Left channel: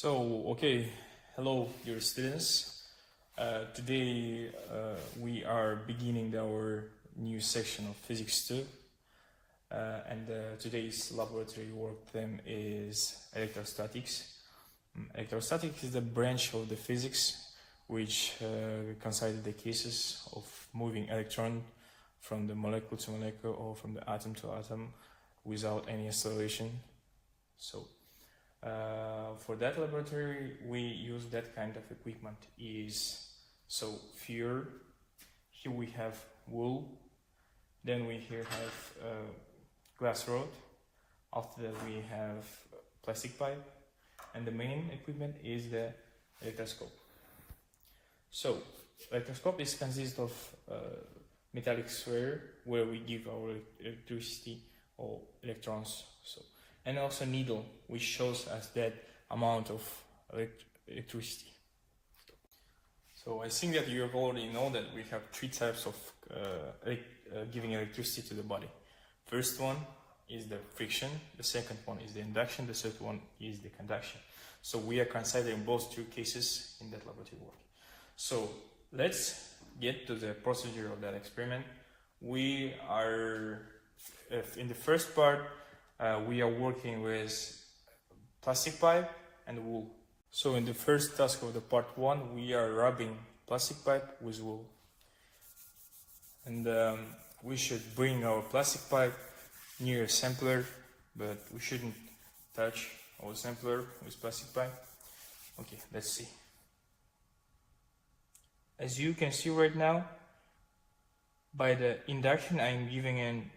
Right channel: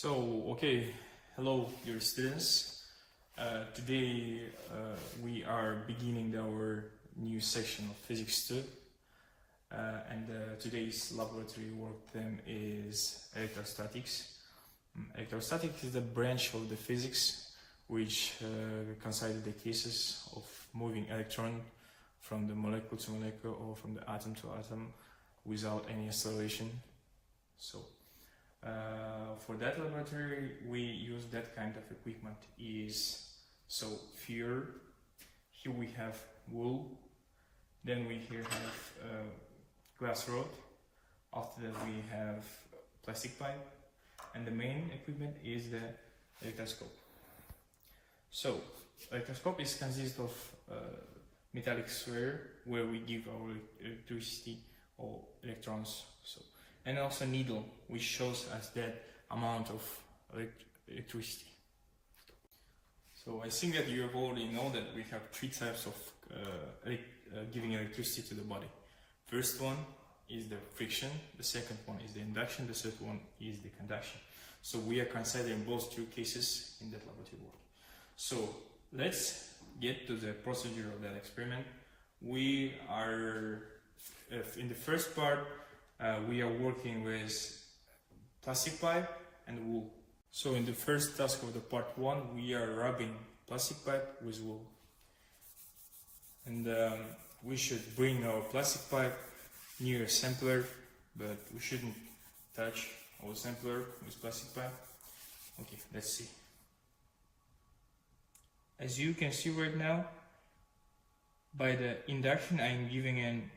Hello, dear students. Today we are beginning our new session of Physics 2, and today's laboratory work theme is electrostatics. Electrostatics is a branch of the physics which consider the cases of moving electron from the molecule to molecule or from the atom to atom without any acceleration. For that laboratory, we use that kind of equipment. Here we have wool, then we here have glass rod. After that we have plastic pipe, and the main equipment is the electroscope. Electroscope consists of metallic sphere where we give our electricity or electrons. And also needle, which shows us that amount of electricity. So I think that you already know that we have three types of giving electricity to the body. First one is the friction, the second one is the induction, the third one is the conduction. So we are considering both two cases in that laboratory work. So let's get to the procedure of that experiment. We are, in the first part, we are working with plastic pipe and wool. So in the first task of the part 1, we are rubbing plastic pipe with wool. And we should bring our plastic pipe near a sampler, but we shouldn't touch our sampler with plastic pipe. Okay, let's see. As you can see right now, by the induction I'm giving in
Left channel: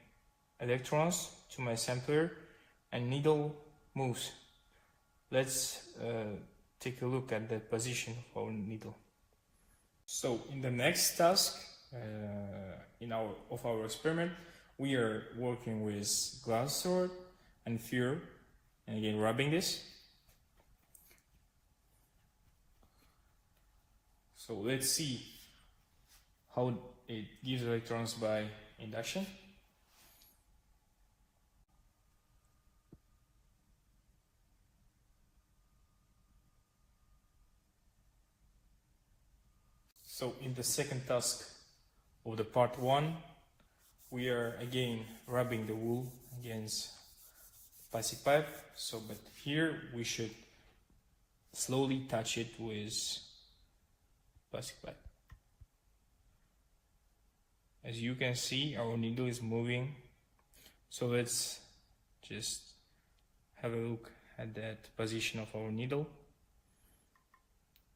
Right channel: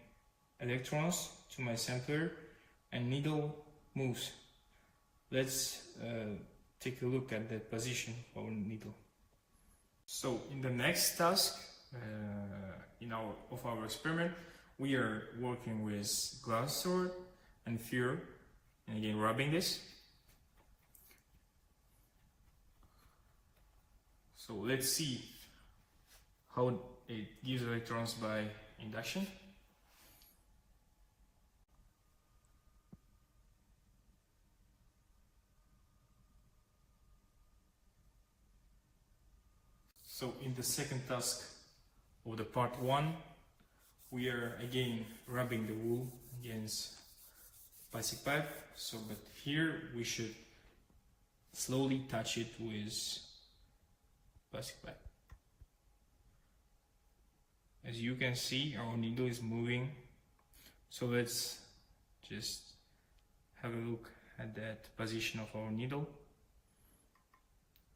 electrons to my sampler and needle moves. Let's take a look at the position of our needle. So in the next task of our experiment, we are working with glass rod and sphere, and again rubbing this. So let's see how it gives electrons by induction. So in the second task of the part 1, we are again rubbing the wool against plastic pipe. But here we should slowly touch it with plastic pipe. As you can see, our needle is moving. So let's just have a look at that position of our needle.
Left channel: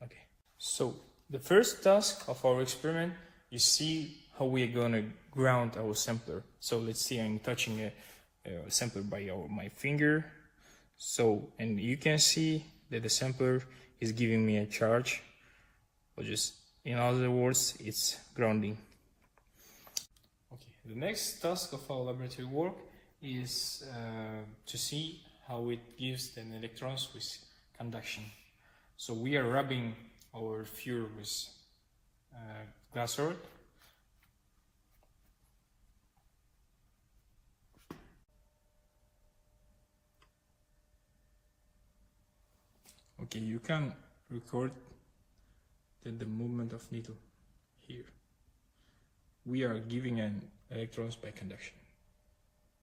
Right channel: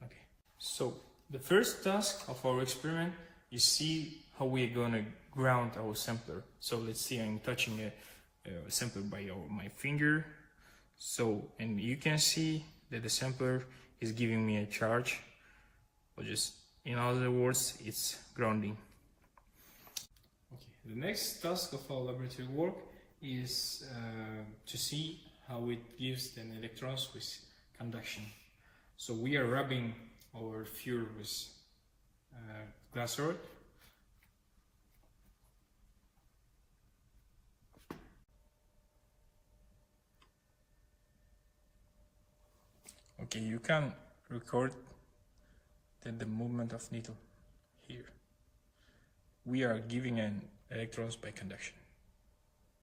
Okay, so the first task of our experiment is see how we are going to ground our sampler. So let's see, I'm touching a sampler by my finger. And you can see that the sampler is giving me a charge, or just in other words, it's grounding. Okay, the next task of our laboratory work is to see how it gives the electrons with conduction. So we are rubbing our sphere with glass rod. Okay, you can record the movement of needle here. We are giving an electrons by conduction.